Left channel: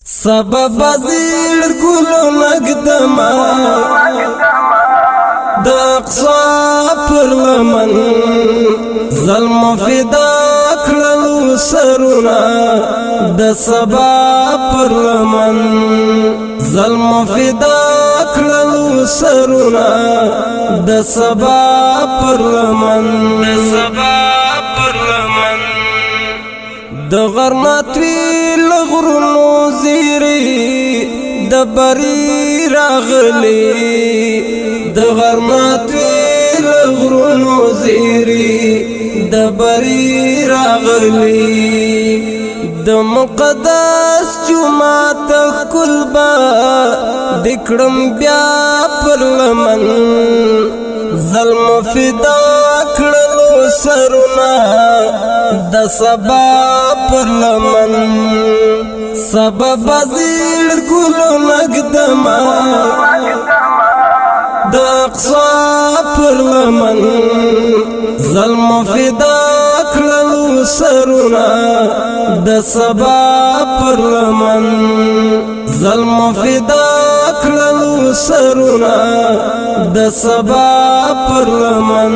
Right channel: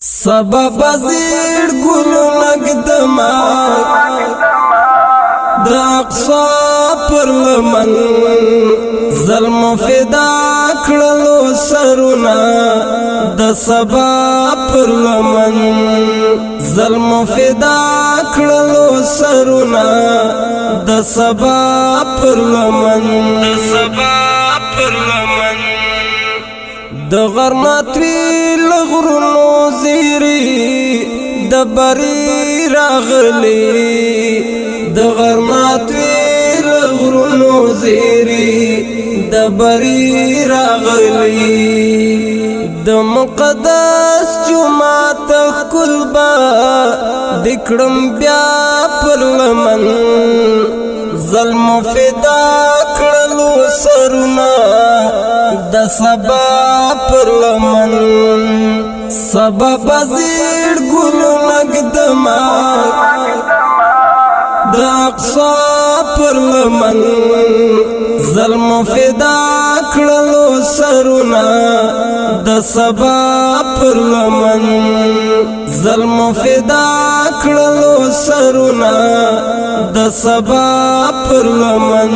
سبب زیر گلو نگدما د اقصا پر لمن ظلم فدا کړلو سرونه د سبا پر لمن ظلم فدا کړلو سرونه د سبا پر لمن د غرماتوی لغرونو زیری د بری راغلی د غرماتوی لغرونو زیری د بری راغلی د مقدس جمعه کل با دکړم بیا پر لمن ظلم فدا کړلو سرونه د سبا پر لمن سبب زیر گلو نگدما د اقصا پر لمن ظلم فدا کړلو سرونه د سبا پر لمن ظلم فدا کړلو سرونه د سبا پر لمن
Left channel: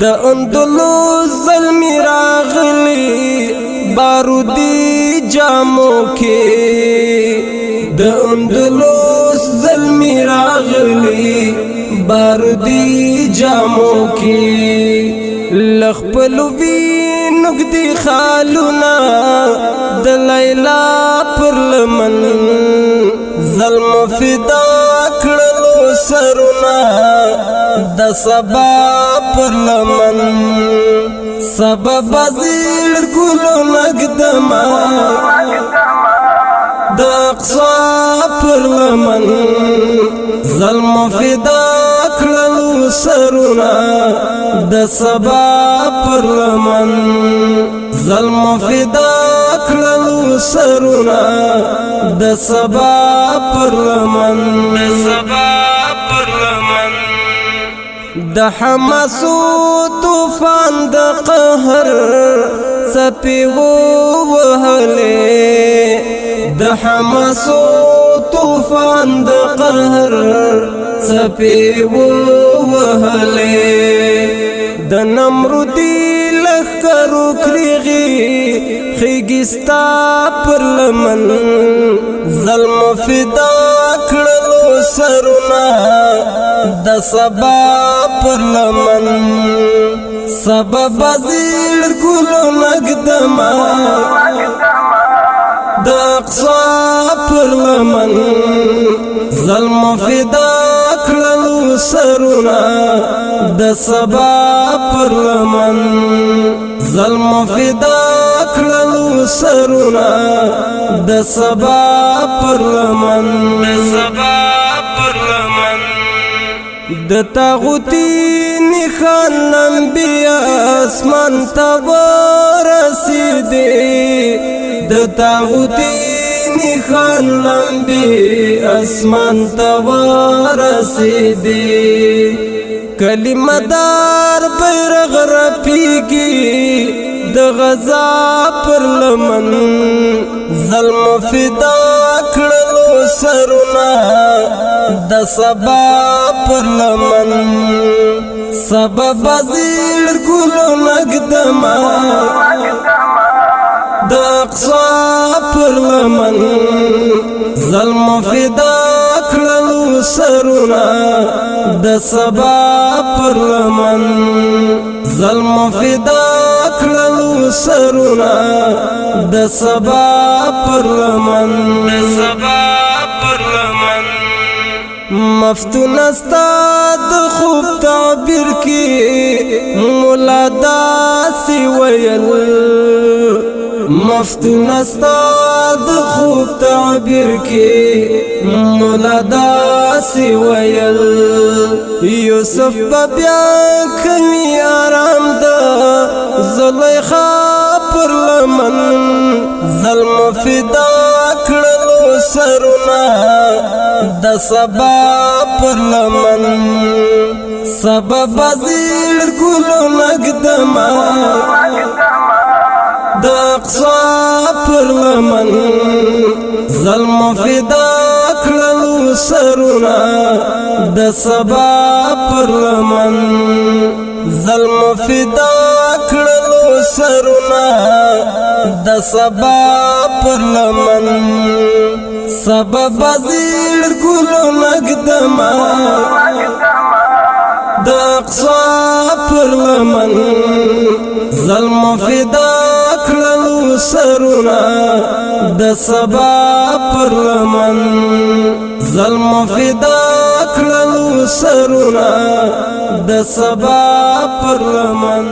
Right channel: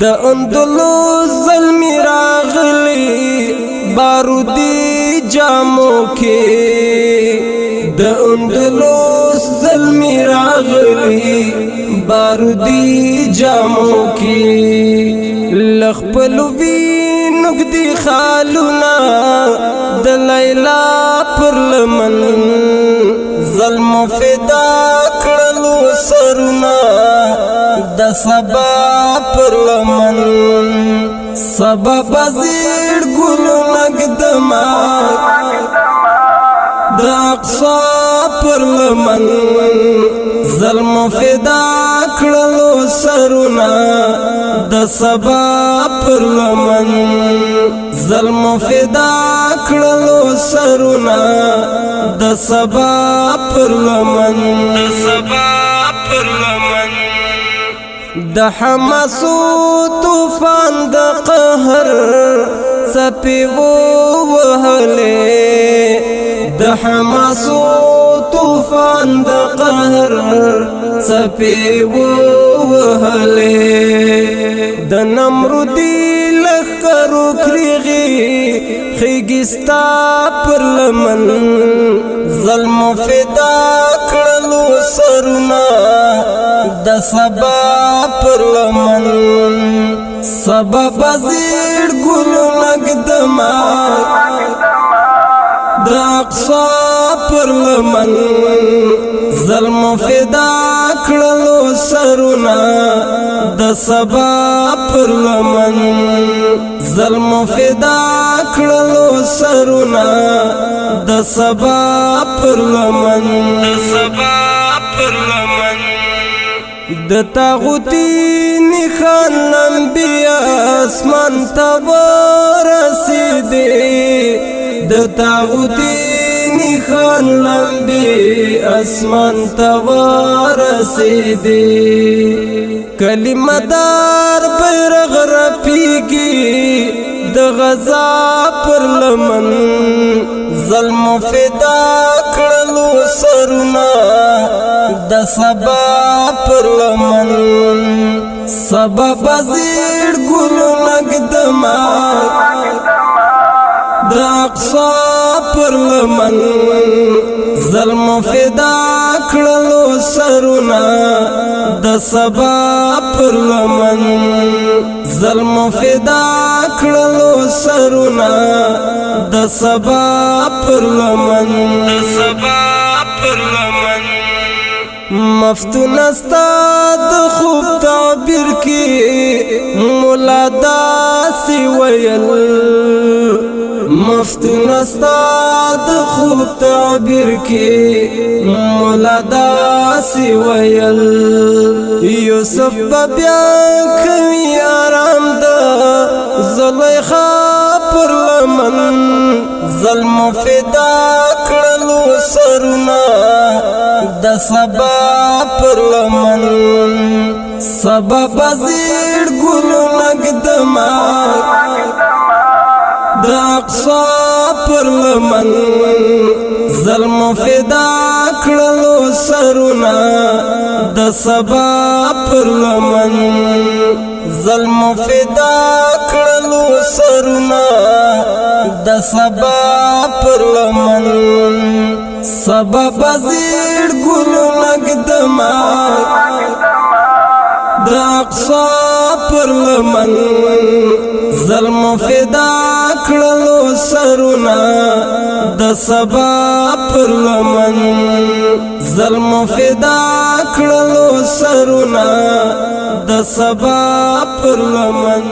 د اندلس ظلمی راغلی بارودی جامو کې د اندلس ظلمی راغلی بارودی جامو کې لخپلو وینوک دی خالونا د لیلا پر لمن ظلم فدا کړلو سرونه د سبا پر لمن سبب زیر گلو نگدما د اقصا پر لمن ظلم فدا کړلو سرونه د سبا پر لمن ظلم فدا کړلو سرونه د سبا پر لمن د حماسو طوفان د قهر څپې ووهلې د حماسو طوفان د قهر څپې ووهلې د نمرودي لښکرو کریغې خیږي ستا پر لمن ظلم فدا کړلو سرونه د سبا پر لمن سبب زیر گلو نگدما د اقصا پر لمن ظلم فدا کړلو سرونه د سبا پر لمن ظلم فدا کړلو سرونه د سبا پر لمن د تاغوتی نخان لمبیا اسمان تا ورسیدی د تاغوتی نخان لمبی اسمان تا ورسیدی کلمه دار بیرغ رپیگی د غزا پر لمن ظلم فدا کړلو سرونه د سبا پر لمن سبب زیر گلو نگدما د اقصا پر لمن ظلم فدا کړلو سرونه د سبا پر لمن ظلم فدا کړلو سرونه د سبا پر لمن مفتون استاد خوب تعبیر کی مولا داسی ویل مفتون استاد خوب تعبیر کی مولا داسی ویل یوسف بیا کوي آرام دا زلیخا پر لمن ظلم فدا کړلو سرونه د سبا پر لمن سبب زیر گلو نگدما دا اقصا پر لمن ظلم فدا کړلو سرونه د سبا پر لمن ظلم فدا کړلو سرونه د سبا پر لمن سبب زیر ګل نقدما د اقصا پر لمن ظلم فدا کړلو سرونه د سبا پر لمن ظلم فدا کړلو سرونه د سبا پر لمن